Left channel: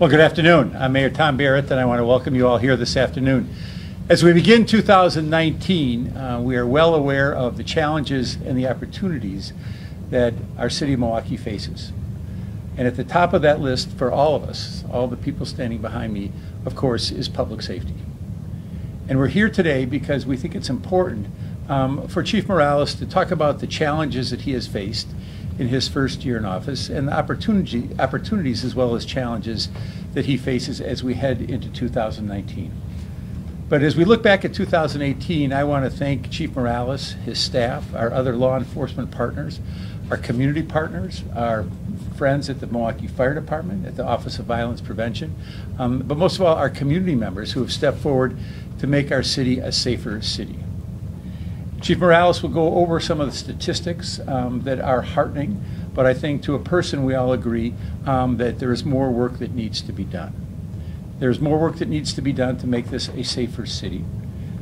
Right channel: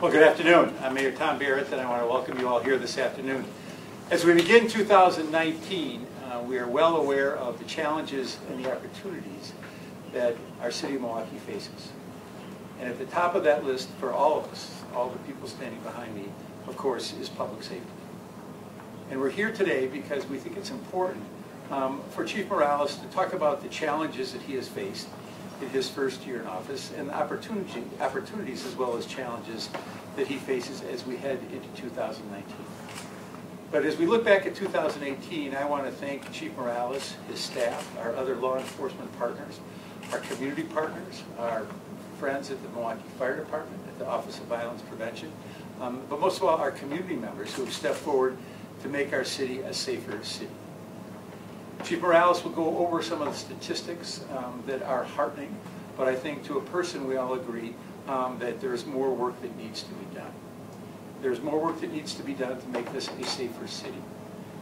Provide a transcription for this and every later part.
Well, good afternoon. I'm Mayor Tom Barrett, and I want to welcome you all here this afternoon. As we begin 2019, we are well aware of the challenges and the opportunities that our city of Milwaukee faces. And at the top of that list for all of us, all the people standing behind me, of course, is public safety. And we're here today because we think it's important for Chief Morales to talk about the challenges that he has faced in his first year in office and the opportunities as well as challenges that he faces as we head into 2019. But as we look back at 2018, I want to thank Chief Morales, his staff, our other law enforcement partners, our community partners, our friends at the Milwaukee Fire Department, at the Office of Violence Prevention, but most of all our community members who have stepped forward to make our city a safer city. Chief Morales will go over some of the statistics that are heartening, but I think to a person we all agree that there is more work that needs to be done. There's more work that needs to be done to make this a safer city.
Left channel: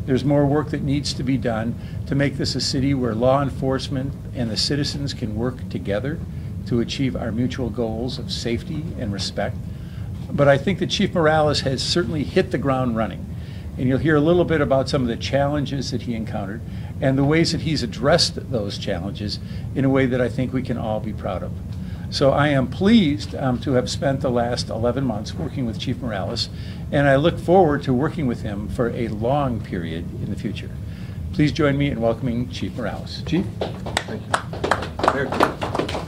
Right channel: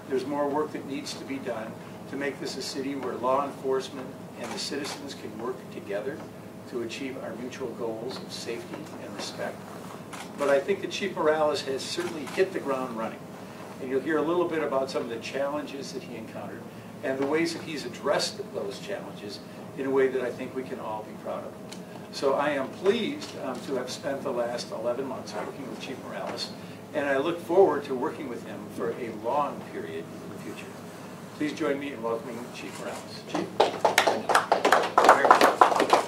There's more work that needs to be done to make this a city where law enforcement and the citizens can work together to achieve our mutual goals of safety and respect. But I think that Chief Morales has certainly hit the ground running. And you'll hear a little bit about some of the challenges that he encountered and the ways that he's addressed those challenges in a way that I think we can all be proud of. So I am pleased to have spent the last 11 months working with Chief Morales, and I look forward to working with him for a long period in the future. Please join me in welcoming Chief Morales. Chief. Thank you.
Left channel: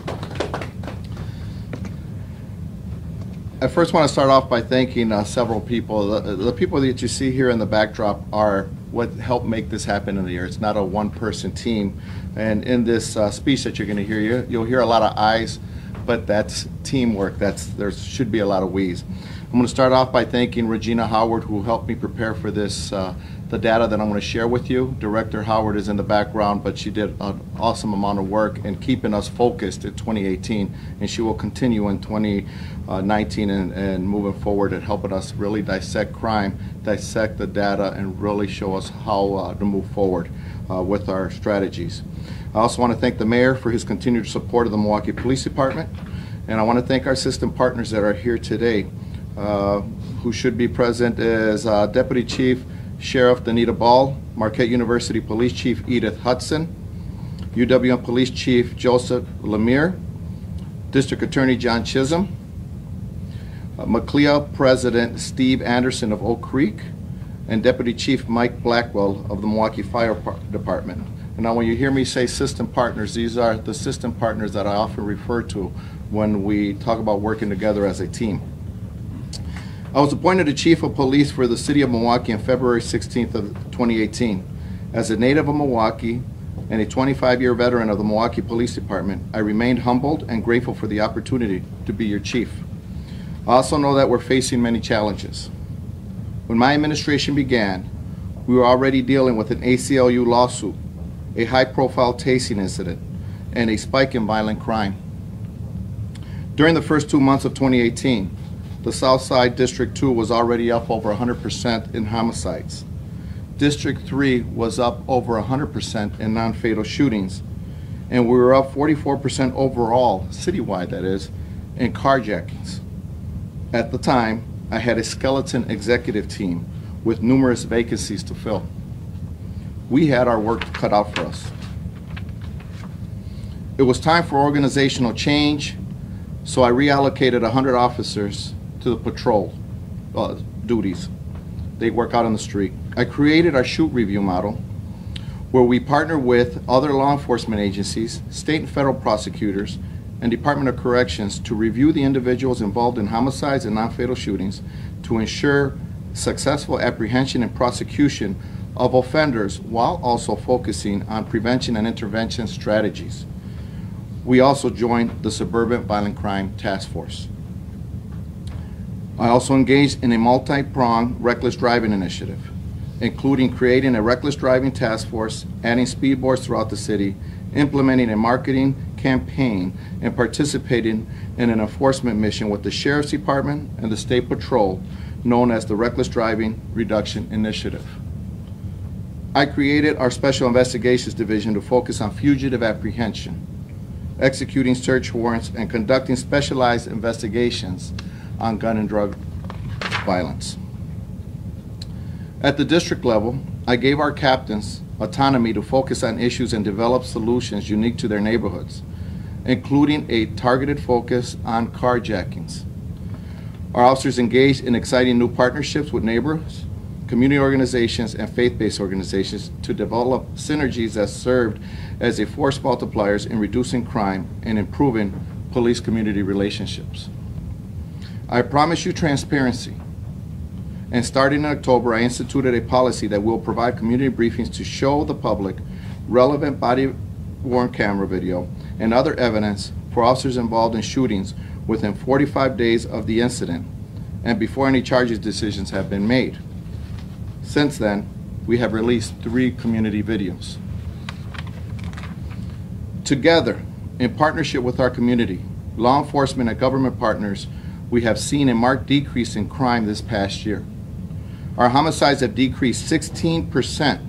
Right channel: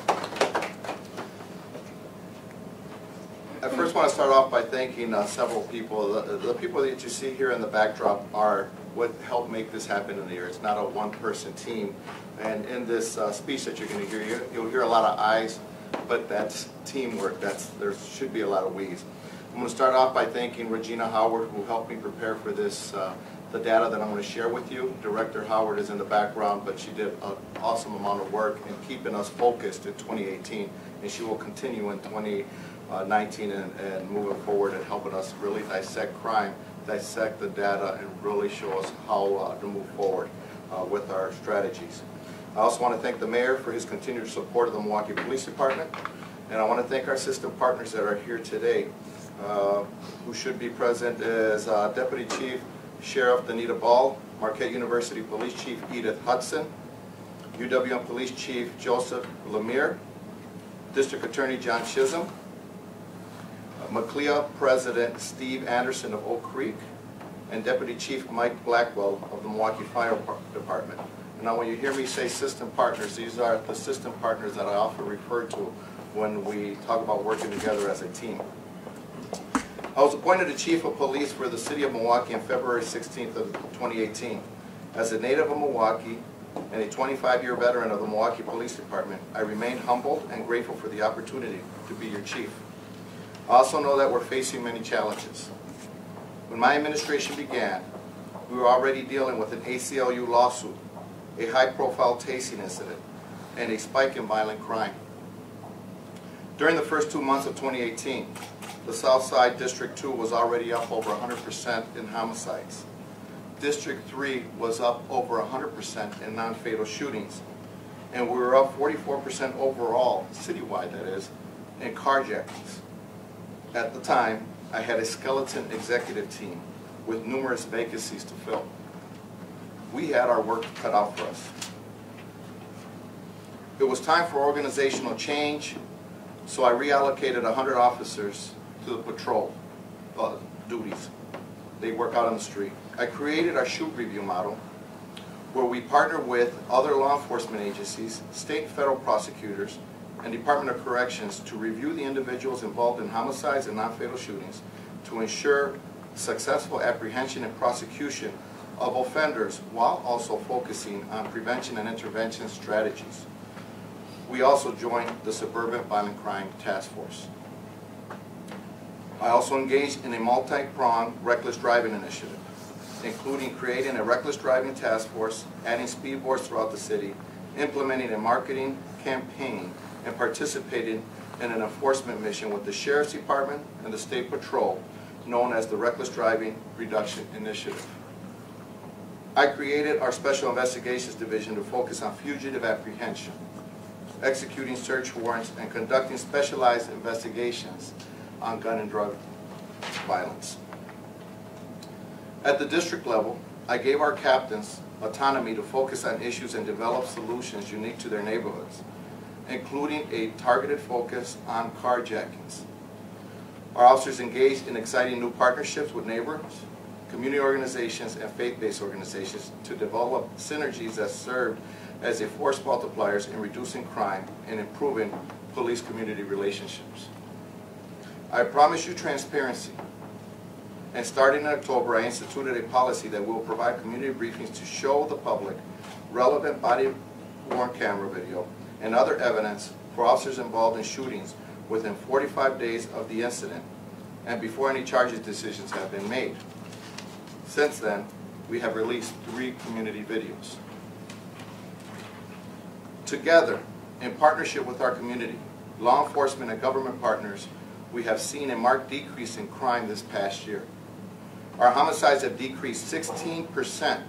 I first want to start off by thanking several people. The people that you see here in the backdrop are what helped make this happen in the year. It's not a one-person team. And in this speech that you're going to hear, you'll hear a lot of I's, but that's teamwork. There should be a lot of we's. I'm going to start off by thanking Regina Howard, who helped me prepare for this, the data that I'm going to share with you. Director Howard is in the background, but she did an awesome amount of work in keeping us focused in 2018, and she will continue in 2019 and moving forward and helping us really dissect crime, dissect the data, and really show us how to move forward with our strategies. I also want to thank the mayor for his continued support of the Milwaukee Police Department, and I want to thank our system partners that are here today, who should be present as Deputy Chief Sheriff Danita Ball, Marquette University Police Chief Edith Hudson, UWM Police Chief Joseph Lemire, District Attorney John Chisholm, McLeod President Steve Anderson of Oak Creek, and Deputy Chief Mike Blackwell of the Milwaukee Fire Department. And now when you hear me say system partners, these are the system partners that I often refer to when we talk about working together as a team. I was appointed the Chief of Police for the City of Milwaukee on February 16th of 2018. As a native of Milwaukee and a 25-year veteran of the Milwaukee Police Department, I remained humbled and grateful for the opportunity to be your chief. I also know that we're facing many challenges. When my administration began, we were already dealing with an ACLU lawsuit, a high-profile tasing incident, and a spike in violent crime. During the first 2 months of 2018, the Southside District 2 was already up over 100% in homicides. District 3 was up over 100% in non-fatal shootings, and we were up 44% overall, citywide that is, in carjackings. At the time, I had a skeleton executive team with numerous vacancies to fill. We had our work cut out for us. It was time for organizational change, so I reallocated 100 officers to the patrol duties. They work out on the street. I created our shoot review model, where we partner with other law enforcement agencies, state and federal prosecutors, and Department of Corrections to review the individuals involved in homicides and non-fatal shootings to ensure successful apprehension and prosecution of offenders while also focusing on prevention and intervention strategies. We also joined the Suburban Violent Crime Task Force. I also engaged in a multi-pronged reckless driving initiative, including creating a reckless driving task force, adding speed boards throughout the city, implementing a marketing campaign, and participating in an enforcement mission with the Sheriff's Department and the State Patrol, known as the Reckless Driving Reduction Initiative. I created our Special Investigations Division to focus on fugitive apprehension, executing search warrants, and conducting specialized investigations on gun and drug violence. At the district level, I gave our captains autonomy to focus on issues and develop solutions unique to their neighborhoods, including a targeted focus on carjackings. Our officers engaged in exciting new partnerships with neighbors, community organizations, and faith-based organizations to develop synergies that served as a force multipliers in reducing crime and improving police-community relationships. I promise you transparency, and starting in October, I instituted a policy that will provide community briefings to show the public relevant body-worn camera video and other evidence for officers involved in shootings within 45 days of the incident and before any charges decisions have been made. Since then, we have released 3 community videos. Together, in partnership with our community, law enforcement and government partners, we have seen a marked decrease in crime this past year. Our homicides have decreased 16%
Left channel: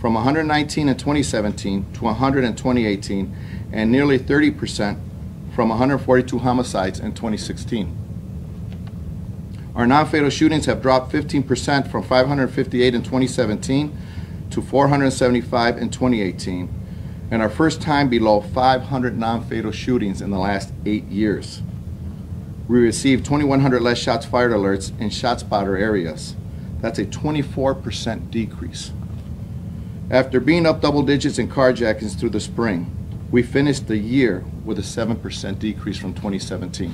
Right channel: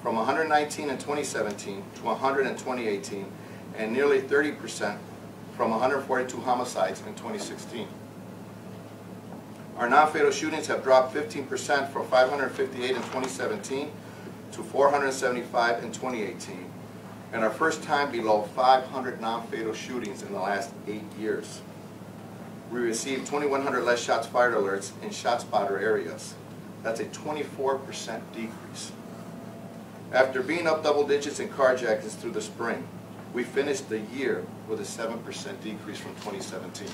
from 119 in 2017 to 100 in 2018, and nearly 30% from 142 homicides in 2016. Our non-fatal shootings have dropped 15% from 558 in 2017 to 475 in 2018, and our first time below 500 non-fatal shootings in the last 8 years. We received 2,100 less shots fired alerts in ShotSpotter areas. That's a 24% decrease. After being up double digits in carjackings through the spring, we finished the year with a 7% decrease from 2017.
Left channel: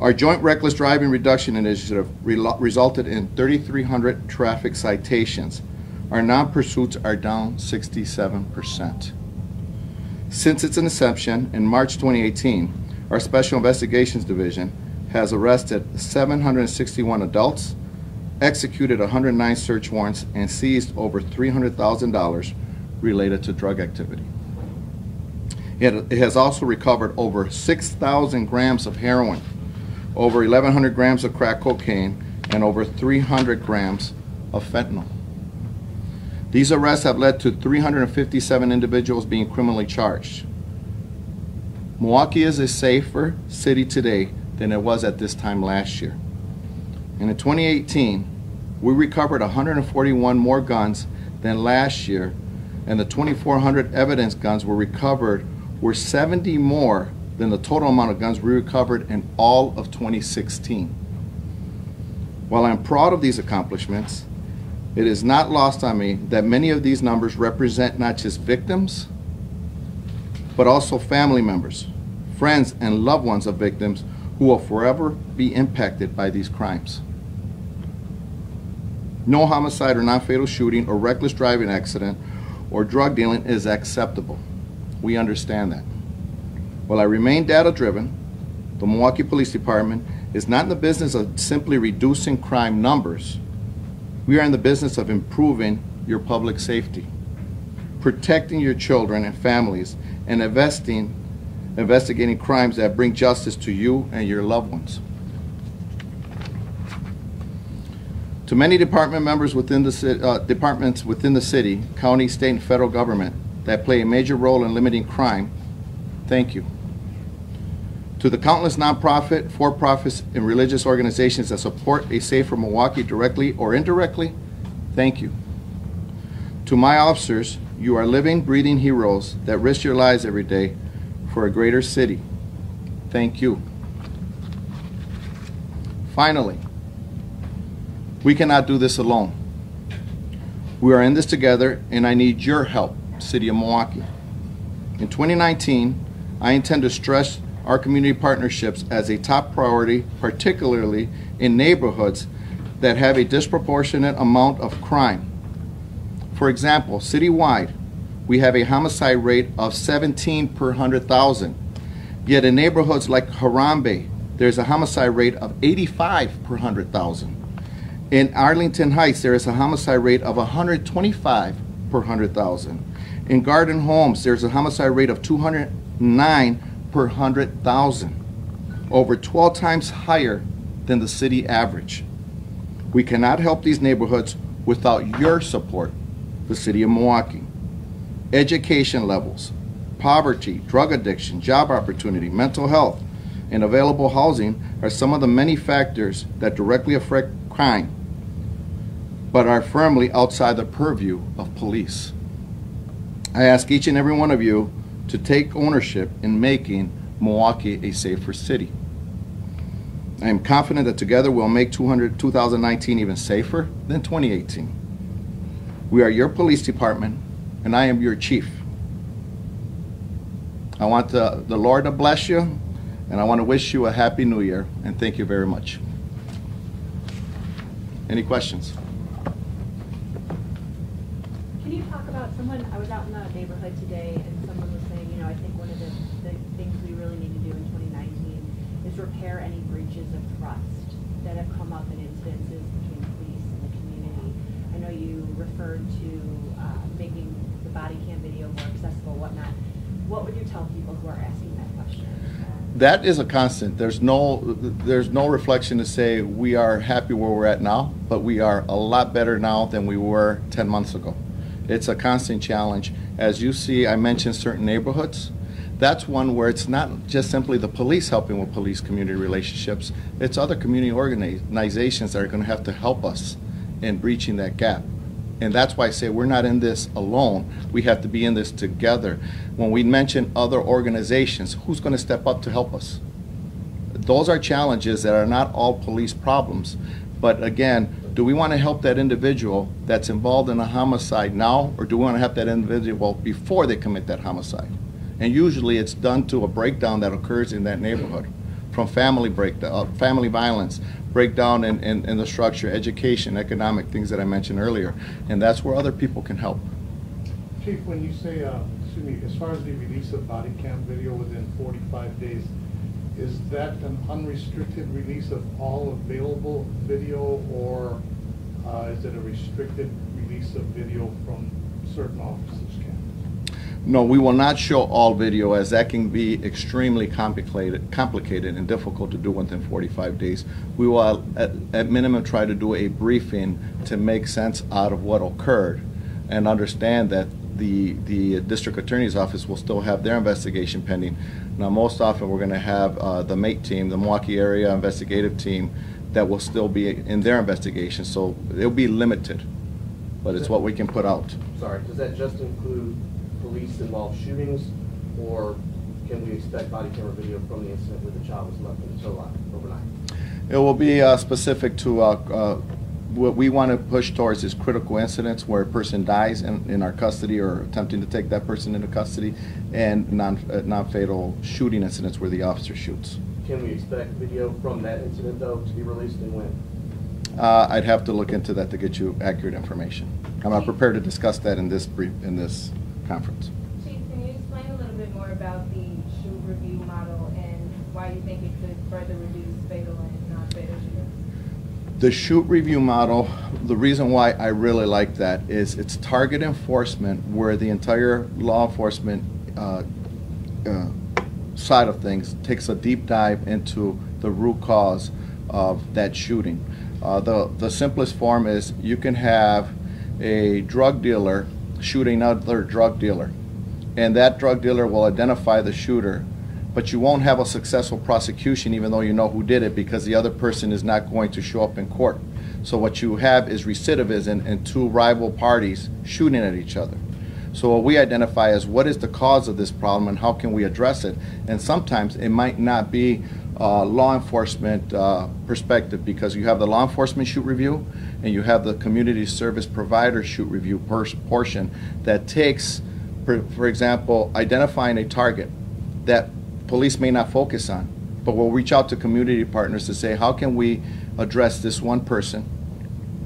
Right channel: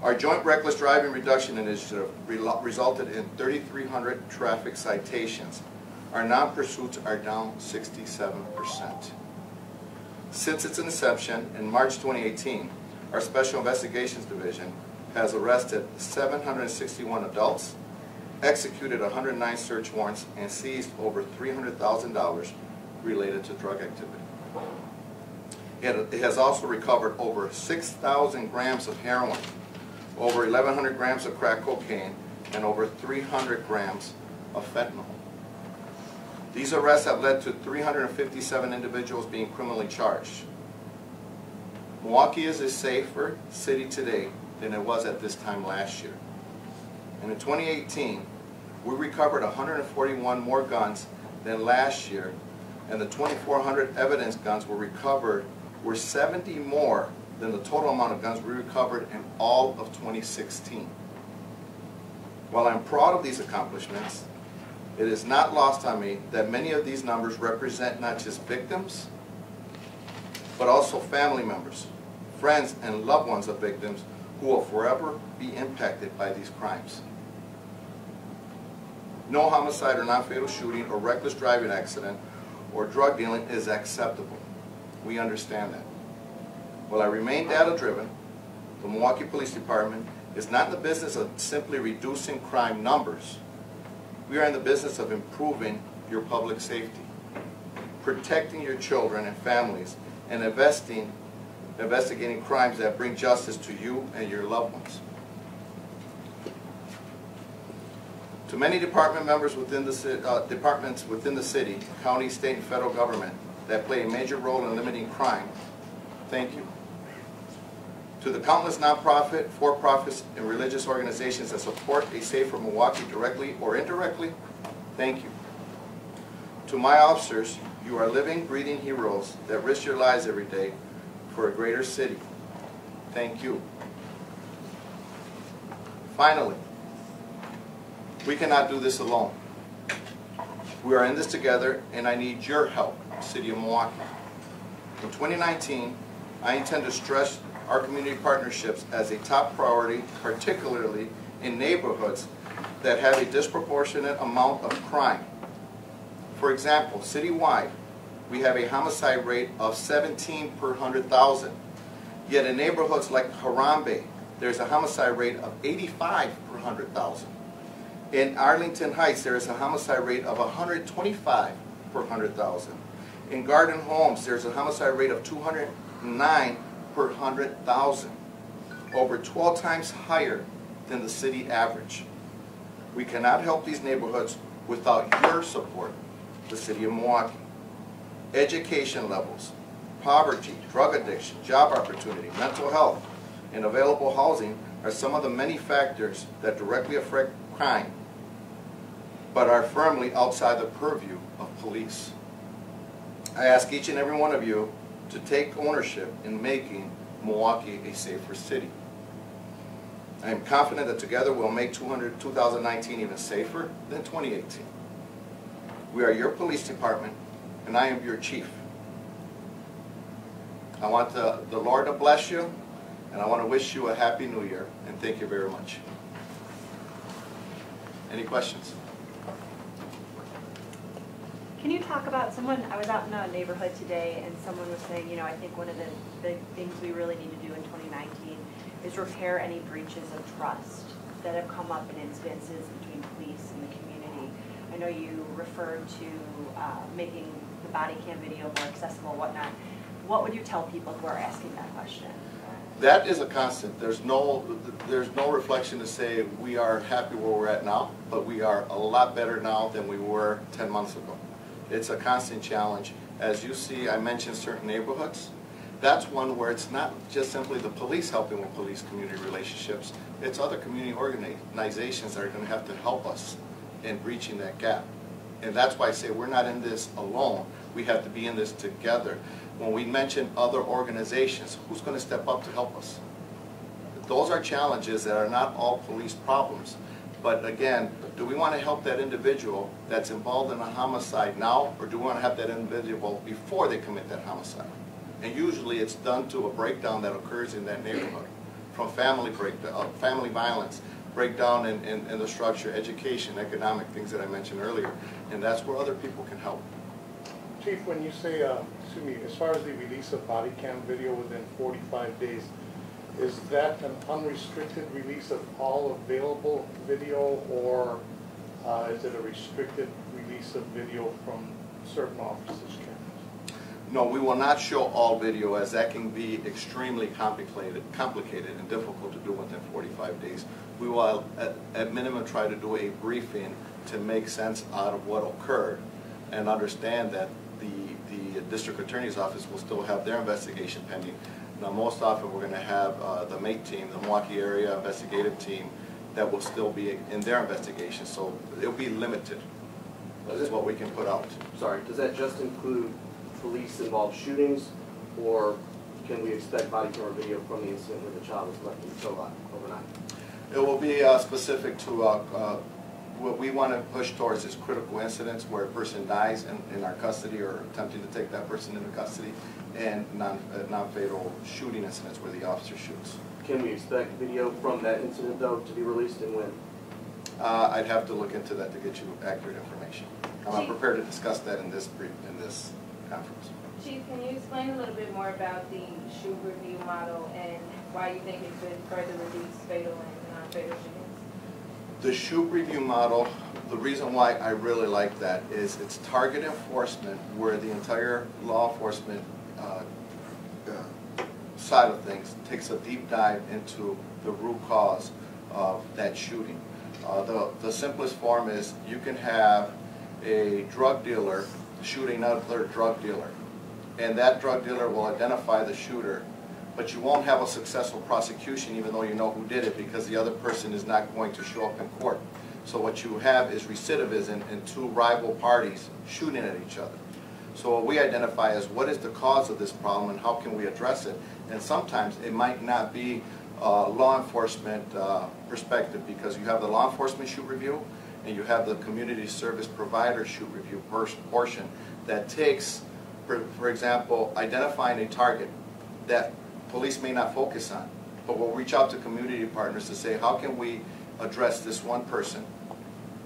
Our joint reckless driving reduction initiative resulted in 3,300 traffic citations. Our non-pursuits are down 67%. Since its inception in March 2018, our Special Investigations Division has arrested 761 adults, executed 109 search warrants, and seized over $300,000 related to drug activity. It has also recovered over 6,000 grams of heroin, over 1,100 grams of crack cocaine, and over 300 grams of fentanyl. These arrests have led to 357 individuals being criminally charged. Milwaukee is a safer city today than it was at this time last year. And in 2018, we recovered 141 more guns than last year, and the 2,400 evidence guns were recovered were 70 more than the total amount of guns we recovered in all of 2016. While I'm proud of these accomplishments, it is not lost on me that many of these numbers represent not just victims, but also family members, friends, and loved ones of victims who will forever be impacted by these crimes. No homicide or non-fatal shooting or reckless driving accident or drug dealing is acceptable. We understand that. While I remain data-driven, the Milwaukee Police Department is not in the business of simply reducing crime numbers. We are in the business of improving your public safety, protecting your children and families, and investigating crimes that bring justice to you and your loved ones. To many department members within the departments within the city, county, state, and federal government that play a major role in limiting crime, thank you. To the countless nonprofit, for-profits, and religious organizations that support a safer Milwaukee directly or indirectly, thank you. To my officers, you are living, breathing heroes that risk your lives every day for a greater city. Thank you. Finally, we cannot do this alone. We are in this together, and I need your help, City of Milwaukee. In 2019, I intend to stress our community partnerships as a top priority, particularly in neighborhoods that have a disproportionate amount of crime. For example, citywide, we have a homicide rate of 17 per 100,000. Yet in neighborhoods like Harambe, there's a homicide rate of 85 per 100,000. In Arlington Heights, there is a homicide rate of 125 per 100,000. In Garden Homes, there's a homicide rate of 209 per 100,000, over 12 times higher than the city average. We cannot help these neighborhoods without your support, the City of Milwaukee. Education levels, poverty, drug addiction, job opportunity, mental health, and available housing are some of the many factors that directly affect crime, but are firmly outside the purview of police. I ask each and every one of you to take ownership in making Milwaukee a safer city. I am confident that together we'll make 2019 even safer than 2018. We are your police department, and I am your chief. I want the Lord to bless you, and I want to wish you a happy new year, and thank you very much. Any questions? Can you talk about I was out in a neighborhood today and someone was saying, I think one of the things we really need to do in 2019 is repair any breaches of trust that have come up in incidences between police and the community. I know you referred to making the body cam video more accessible, whatnot. What would you tell people who are asking that question? That is a constant. There's no reflection to say we are happy where we're at now, but we are a lot better now than we were 10 months ago. It's a constant challenge. As you see, I mentioned certain neighborhoods. That's one where it's not just simply the police helping with police-community relationships. It's other community organizations that are going to have to help us in breaching that gap. And that's why I say we're not in this alone. We have to be in this together. When we mention other organizations, who's going to step up to help us? Those are challenges that are not all police problems. But again, do we want to help that individual that's involved in a homicide now, or do we want to help that individual before they commit that homicide? And usually it's done to a breakdown that occurs in that neighborhood, from family breakdown, family violence, breakdown in the structure, education, economic, things that I mentioned earlier. And that's where other people can help. Chief, when you say, as far as the release of body cam video within 45 days, is that an unrestricted release of all available video, or is it a restricted release of video from certain officers' cameras? No, we will not show all video, as that can be extremely complicated and difficult to do within 45 days. We will, at minimum, try to do a briefing to make sense out of what occurred and understand that the district attorney's office will still have their investigation pending. Now, most often we're going to have the MATE team, the Milwaukee Area Investigative Team, that will still be in their investigation. So it'll be limited, but it's what we can put out. Sorry, does that just include police-involved shootings, or can we expect body camera video from the incident where the child was left in the tow lot overnight? It will be specific to what we want to push towards is critical incidents where a person dies in our custody or attempting to take that person into custody, and non-fatal shooting incidents where the officer shoots. Can we expect video from that incident, though, to be released, and when? I'd have to look into that to get you accurate information. I'm not prepared to discuss that in this conference. Chief, can you explain a little bit more about the shoot review model and why you think it could further reduce fatal and non-fatal shootings? The shoot review model, the reason why I really like that is it's target enforcement, where the entire law enforcement side of things takes a deep dive into the root cause of that shooting. The simplest form is you can have a drug dealer shooting another drug dealer, and that drug dealer will identify the shooter, but you won't have a successful prosecution even though you know who did it, because the other person is not going to show up in court. So what you have is recidivism and two rival parties shooting at each other. So what we identify as what is the cause of this problem and how can we address it. And sometimes it might not be law enforcement perspective, because you have the law enforcement shoot review and you have the community service provider shoot review portion that takes, for example, identifying a target that police may not focus on, but we'll reach out to community partners to say, how can we address this one person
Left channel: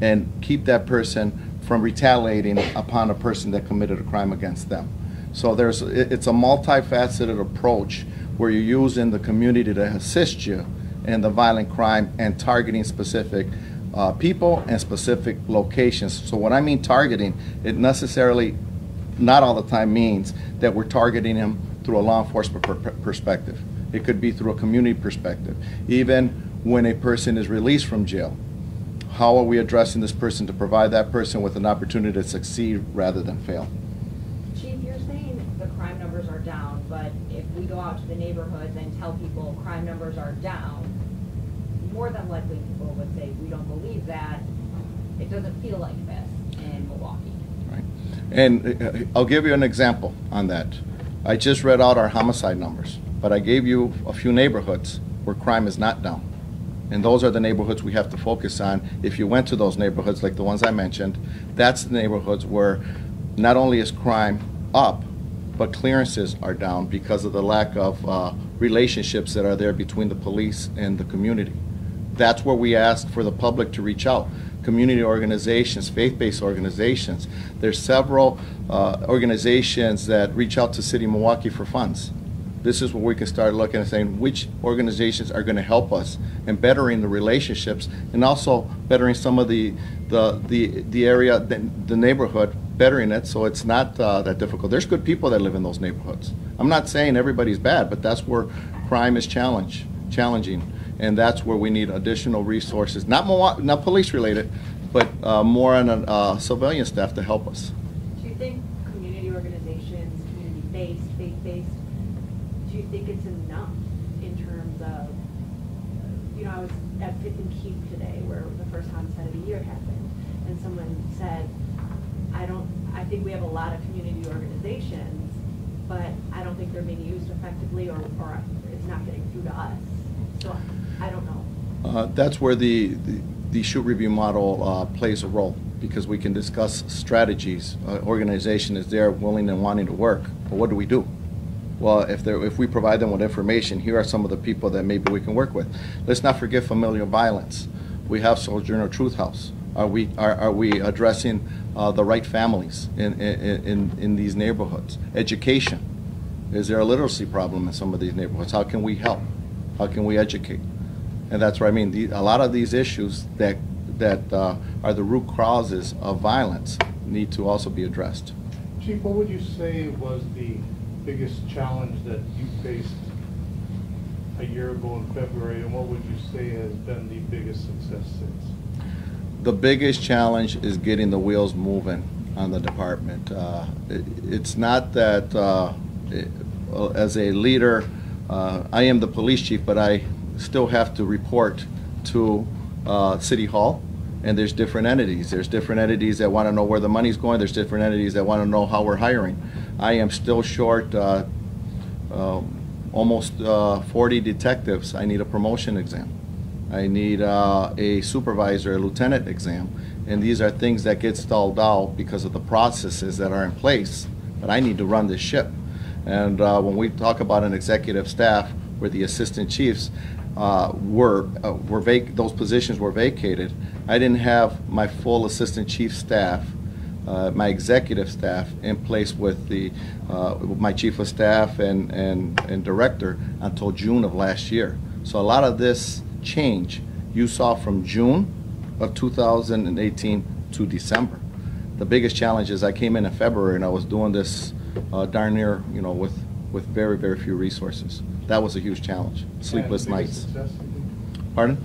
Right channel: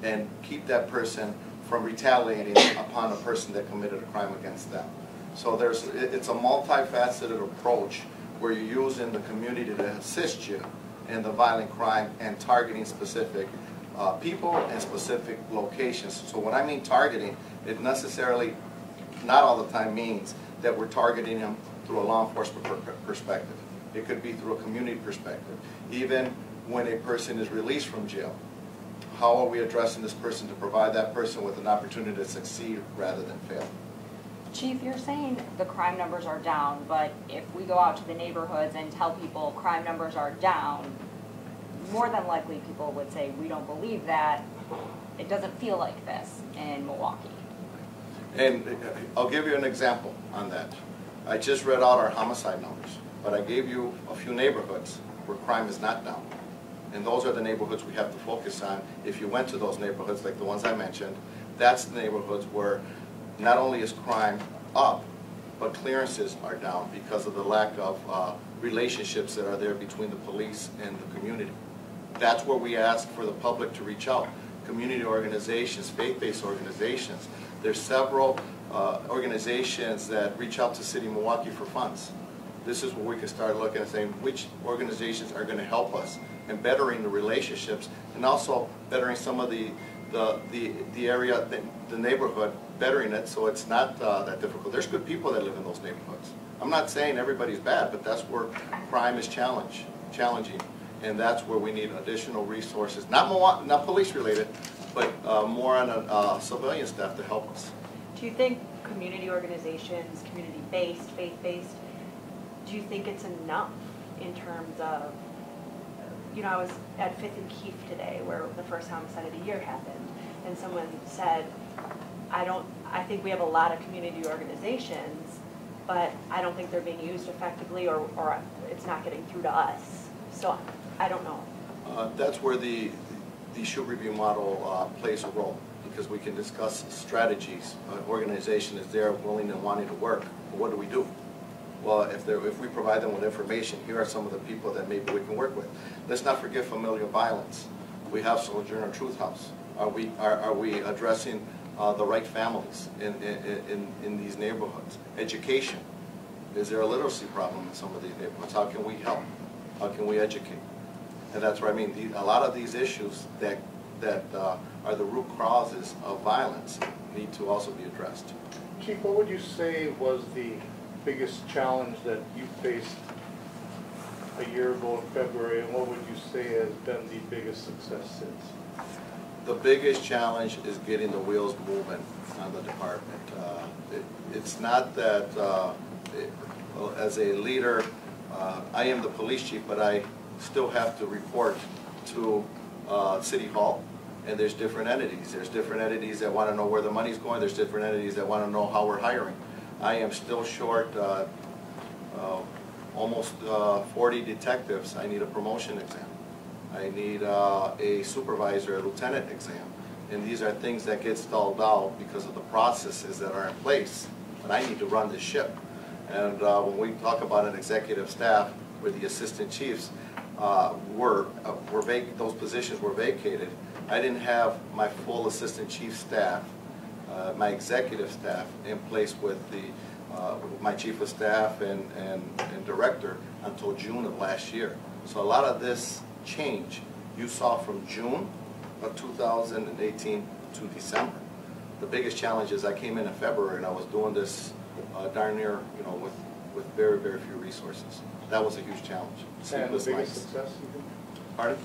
and keep that person from retaliating upon a person that committed a crime against them. So it's a multifaceted approach where you're using the community to assist you in the violent crime and targeting specific people and specific locations. So when I mean targeting, it necessarily, not all the time, means that we're targeting them through a law enforcement perspective. It could be through a community perspective. Even when a person is released from jail, how are we addressing this person to provide that person with an opportunity to succeed rather than fail? Chief, you're saying the crime numbers are down, but if we go out to the neighborhoods and tell people crime numbers are down, more than likely people would say, we don't believe that. It doesn't feel like this in Milwaukee. Right. And I'll give you an example on that. I just read out our homicide numbers, but I gave you a few neighborhoods where crime is not down. And those are the neighborhoods we have to focus on. If you went to those neighborhoods, like the ones I mentioned, that's the neighborhoods where not only is crime up, but clearances are down because of the lack of relationships that are there between the police and the community. That's where we ask for the public to reach out. Community organizations, faith-based organizations. There's several organizations that reach out to City of Milwaukee for funds. This is where we can start looking and saying which organizations are going to help us in bettering the relationships and also bettering some of the area, the neighborhood, bettering it so it's not that difficult. There's good people that live in those neighborhoods. I'm not saying everybody's bad, but that's where crime is challenging, and that's where we need additional resources, not police related, but more on civilian staff to help us. Do you think community organizations, community-based, faith-based, do you think it's enough in terms of, you know, I was at 5th and Keefe today where the first homicide of the year happened, and someone said, I think we have a lot of community organizations, but I don't think they're being used effectively or it's not getting through to us. So I don't know. That's where the shoot review model plays a role, because we can discuss strategies. Organization is there willing and wanting to work, but what do we do? Well, if we provide them with information, here are some of the people that maybe we can work with. Let's not forget familial violence. We have Sojourner Truth House. Are we addressing the right families in these neighborhoods? Education. Is there a literacy problem in some of these neighborhoods? How can we help? How can we educate? And that's where I mean, a lot of these issues that are the root causes of violence need to also be addressed. Chief, what would you say was the biggest challenge that you faced a year ago in February, and what would you say has been the biggest success since? The biggest challenge is getting the wheels moving on the department. It's not that as a leader, I am the police chief, but I still have to report to City Hall, and there's different entities. There's different entities that want to know where the money's going. There's different entities that want to know how we're hiring. I am still short almost 40 detectives. I need a promotion exam. I need a supervisor, a lieutenant exam. And these are things that get stalled out because of the processes that are in place. But I need to run this ship. And when we talk about an executive staff where the assistant chiefs those positions were vacated, I didn't have my full assistant chief staff, my executive staff in place with my chief of staff and director until June of last year. So a lot of this change you saw from June of 2018 to December. The biggest challenge is I came in February and I was doing this darn near, you know, with very, very few resources. That was a huge challenge. Sleepless nights. Pardon?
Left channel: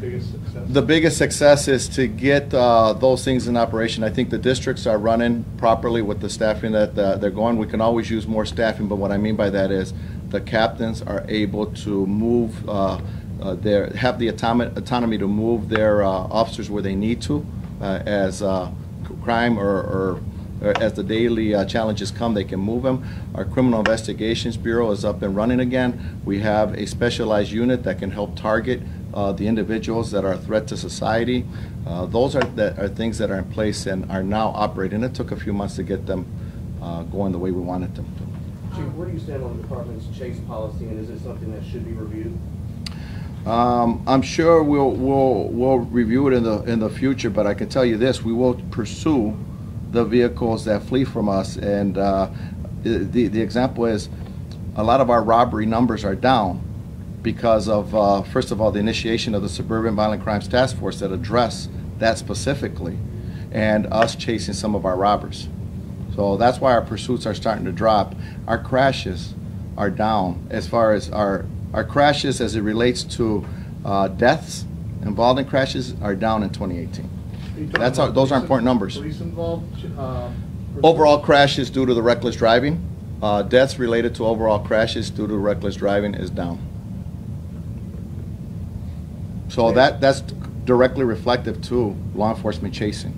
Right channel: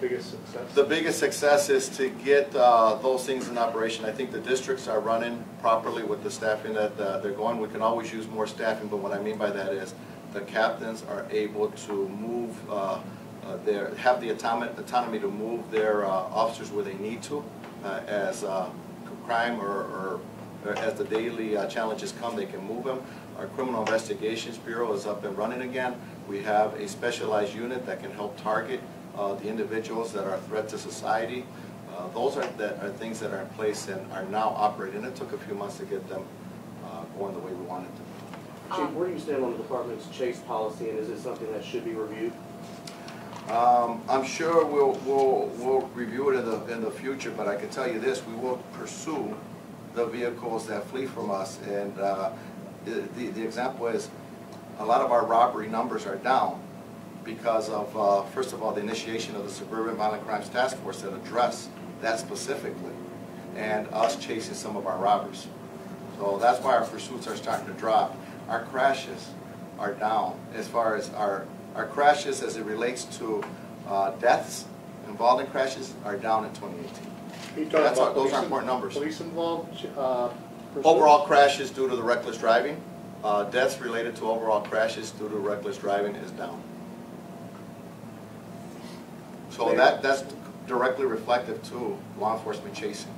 Biggest success? The biggest success is to get those things in operation. I think the districts are running properly with the staffing that they're going. We can always use more staffing, but what I mean by that is the captains are able to move have the autonomy to move their officers where they need to as crime or as the daily challenges come, they can move them. Our Criminal Investigations Bureau is up and running again. We have a specialized unit that can help target the individuals that are a threat to society. Those are things that are in place and are now operating. It took a few months to get them going the way we wanted to. Chief, where do you stand on the department's chase policy, and is it something that should be reviewed? I'm sure we'll review it in the future, but I can tell you this: we will pursue the vehicles that flee from us. And the example is, a lot of our robbery numbers are down because of first of all the initiation of the Suburban Violent Crimes Task Force that address that specifically, and us chasing some of our robbers. So that's why our pursuits are starting to drop. Our crashes are down as far as our crashes as it relates to deaths involved in crashes are down in 2018. Those are important numbers. Police involved? Overall crashes due to the reckless driving. Deaths related to overall crashes due to reckless driving is down. So that's directly reflective to law enforcement chasing.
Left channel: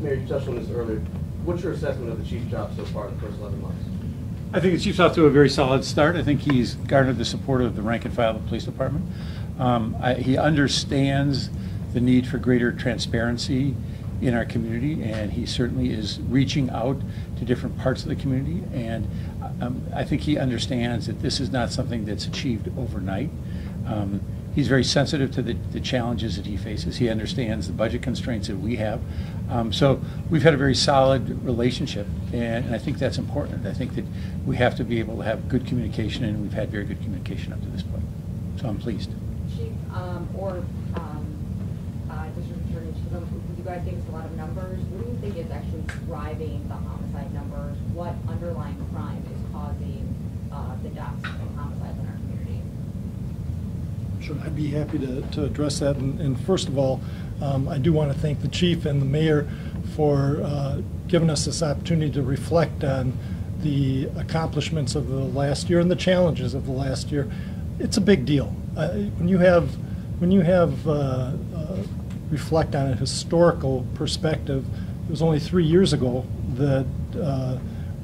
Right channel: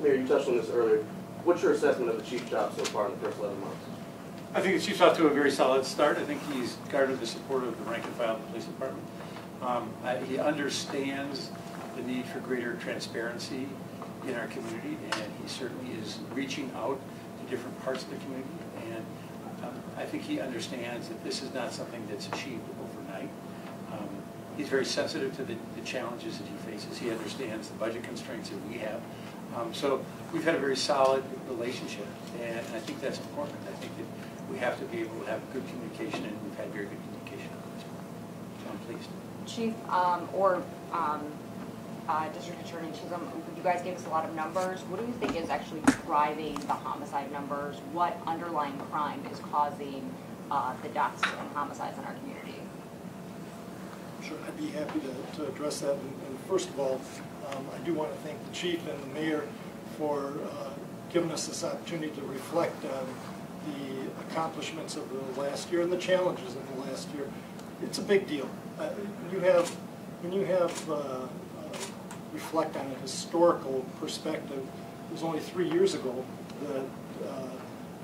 Mayor, you touched on this earlier. What's your assessment of the chief's job so far in the first 11 months? I think the chief's off to a very solid start. I think he's garnered the support of the rank and file of the police department. He understands the need for greater transparency in our community, and he certainly is reaching out to different parts of the community. And I think he understands that this is not something that's achieved overnight. He's very sensitive to the challenges that he faces. He understands the budget constraints that we have. So we've had a very solid relationship, and I think that's important. I think that we have to be able to have good communication, and we've had very good communication up to this point. So I'm pleased. Chief, District Attorney Chisholm, you guys gave us a lot of numbers. What do you think is actually driving the homicide numbers? What underlying crime is causing the deaths and homicides in our community? Sure, I'd be happy to address that. And first of all, I do want to thank the chief and the mayor for giving us this opportunity to reflect on the accomplishments of the last year and the challenges of the last year. It's a big deal. When you reflect on a historical perspective, it was only 3 years ago that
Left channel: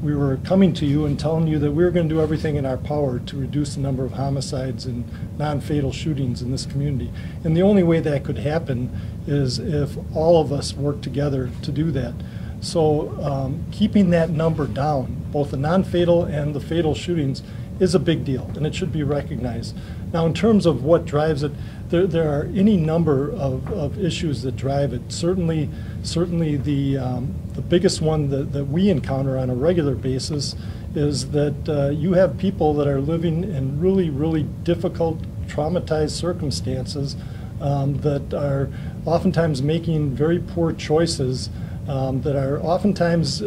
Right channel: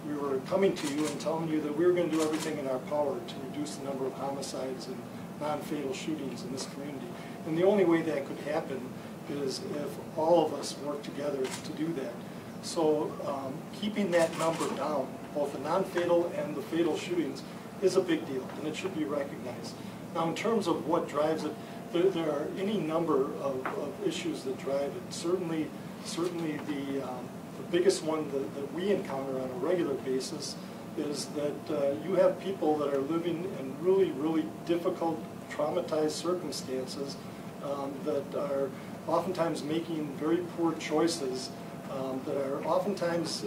we were coming to you and telling you that we were going to do everything in our power to reduce the number of homicides and non-fatal shootings in this community. And the only way that could happen is if all of us work together to do that. So keeping that number down, both the non-fatal and the fatal shootings, is a big deal, and it should be recognized. Now, in terms of what drives it, there are any number of issues that drive it. Certainly the biggest one that we encounter on a regular basis is that you have people that are living in really difficult, traumatized circumstances that are oftentimes making very poor choices, that are oftentimes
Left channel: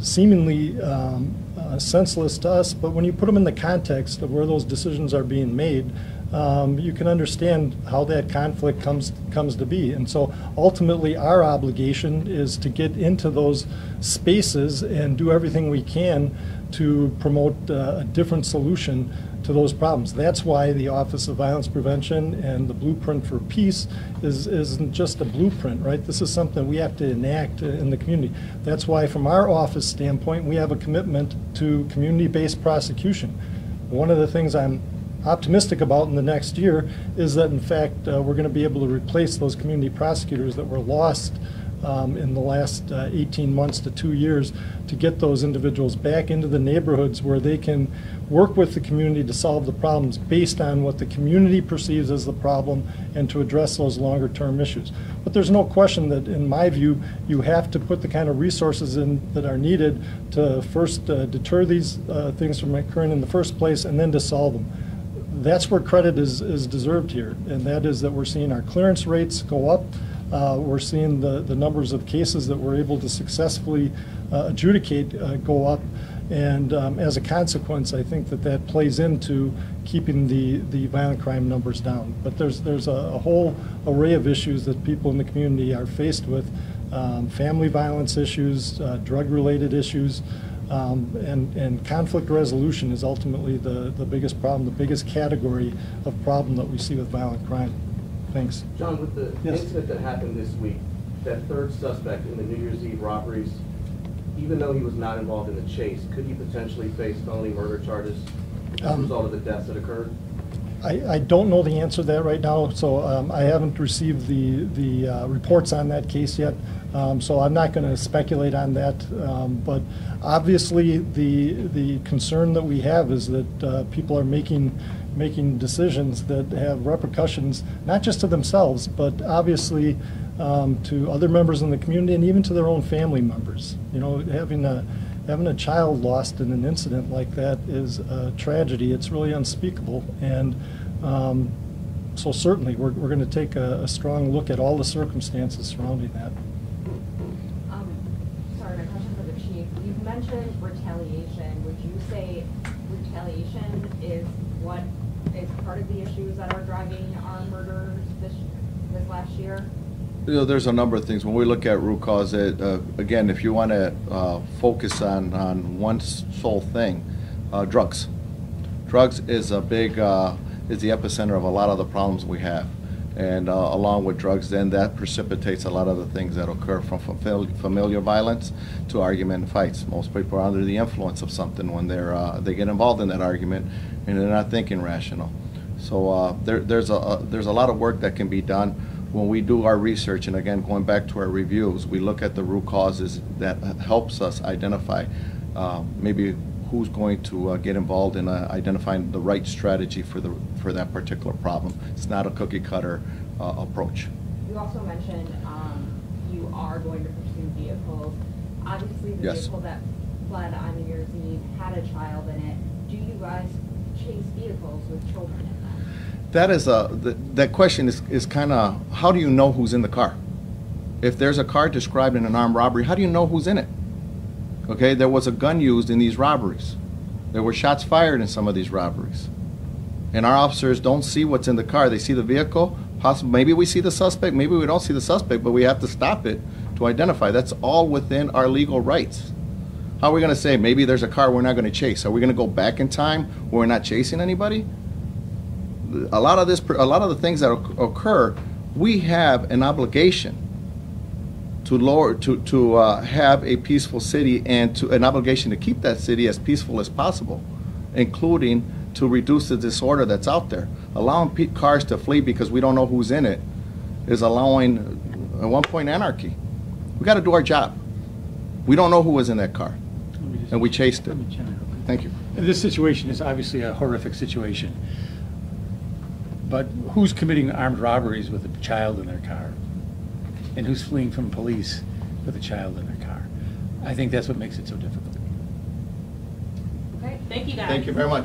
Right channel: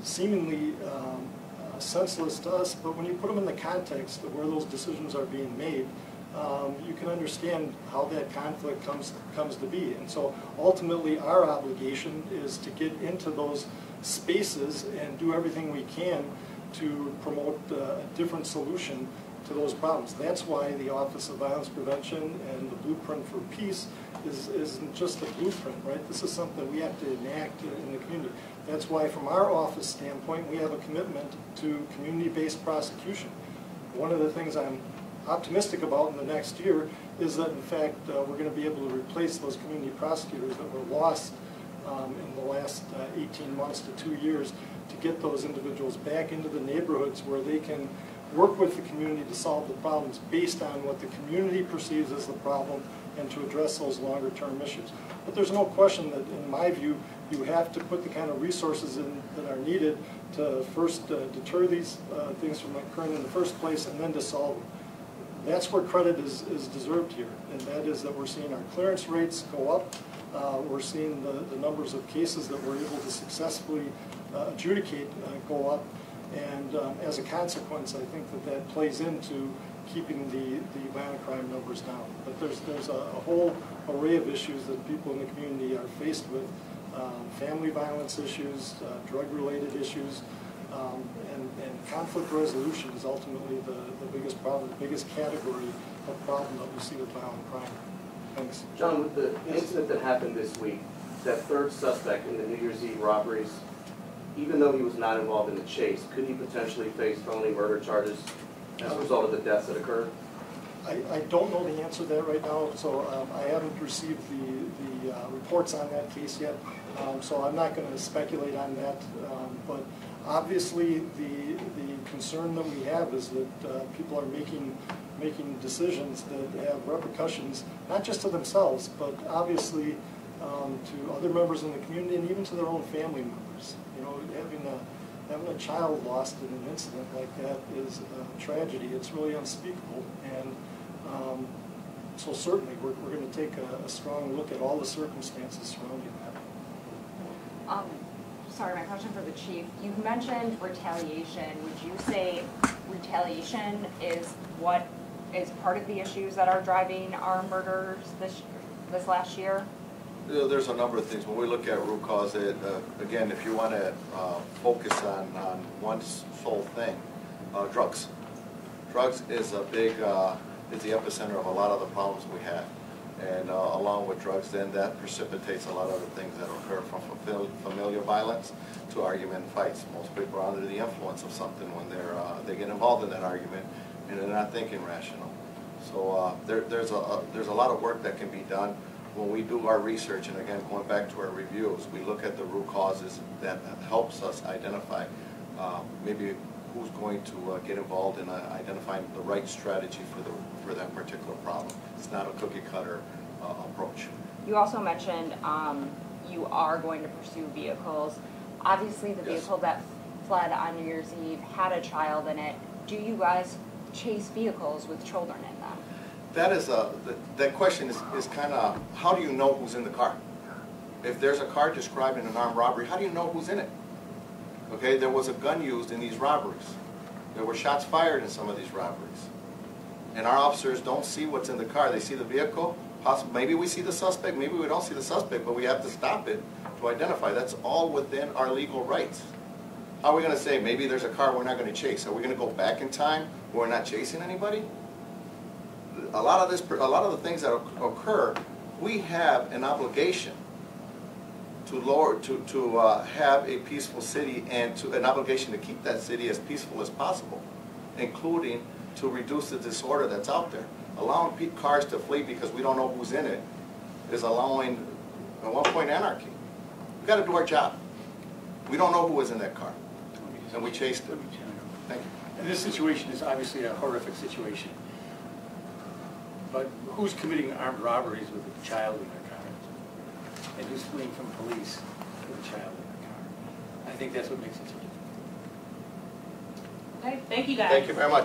seemingly senseless to us, but when you put them in the context of where those decisions are being made, you can understand how that conflict comes to be. And so ultimately our obligation is to get into those spaces and do everything we can to promote a different solution to those problems. That's why the Office of Violence Prevention and the Blueprint for Peace isn't just a blueprint, right? This is something we have to enact in the community. That's why from our office standpoint, we have a commitment to community-based prosecution. One of the things I'm optimistic about in the next year is that in fact we're going to be able to replace those community prosecutors that were lost in the last 18 months to 2 years, to get those individuals back into the neighborhoods where they can work with the community to solve the problems based on what the community perceives as the problem and to address those longer term issues. But there's no question that, in my view, you have to put the kind of resources in that are needed to first deter these things from occurring in the first place, and then to solve them. That's where credit is deserved here, and that is that we're seeing our clearance rates go up. We're seeing the numbers of cases that we're able to successfully adjudicate go up. And as a consequence, I think that plays into keeping the violent crime numbers down. But there's a whole array of issues that people in the community are faced with. Family violence issues, drug-related issues, and conflict resolution is ultimately the biggest problem, the biggest category of problem that we see with violent crime. Thanks. John, with the incident that happened this week, that third suspect in the New Year's Eve robberies, even though he was not involved in the chase, could he potentially face felony murder charges as a result of the deaths that occurred? I don't know the answer to that right now, so I haven't received the reports on that case yet, so I'm not going to speculate on that. But obviously, the concern that we have is that people are making decisions that have repercussions not just to themselves, but obviously to other members in the community and even to their own family members. You know, having a child lost in an incident like that is a tragedy. It's really unspeakable, and so certainly we're going to take a strong look at all the circumstances surrounding that. Sorry, my question for the chief. You mentioned retaliation. Would you say retaliation is what is part of the issues that are driving our murders this last year? You know, there's a number of things. When we look at root cause, again, if you want to focus on one sole thing, drugs. Drugs is a big is the epicenter of a lot of the problems we have. And along with drugs, then that precipitates a lot of the things that occur from familial violence to argument and fights. Most people are under the influence of something when they get involved in that argument, and they're not thinking rational. So there's a lot of work that can be done when we do our research. And again, going back to our reviews, we look at the root causes that helps us identify maybe who's going to get involved in identifying the right strategy for that particular problem. It's not a cookie cutter approach. You also mentioned you are going to pursue vehicles. Obviously, the Yes. vehicle that fled on New Year's Eve had a child in it. Do you guys chase vehicles with children in them? That is that question is kind of, how do you know who's in the car? If there's a car described in an armed robbery, how do you know who's in it? Okay, there was a gun used in these robberies. There were shots fired in some of these robberies. And our officers don't see what's in the car. They see the vehicle. Possibly, maybe we see the suspect, maybe we don't see the suspect, but we have to stop it to identify. That's all within our legal rights. How are we going to say maybe there's a car we're not going to chase? Are we going to go back in time where we're not chasing anybody? A lot of the things that occur, we have an obligation to have a peaceful city, and an obligation to keep that city as peaceful as possible, including to reduce the disorder that's out there. Allowing cars to flee because we don't know who's in it is allowing, at one point, anarchy. We got to do our job. We don't know who was in that car, and we chased it. Thank you. And this situation is obviously a horrific situation. But who's committing armed robberies with a child in their car? And who's fleeing from police with a child in their car? I think that's what makes it so difficult. Okay, thank you guys. Thank you very much.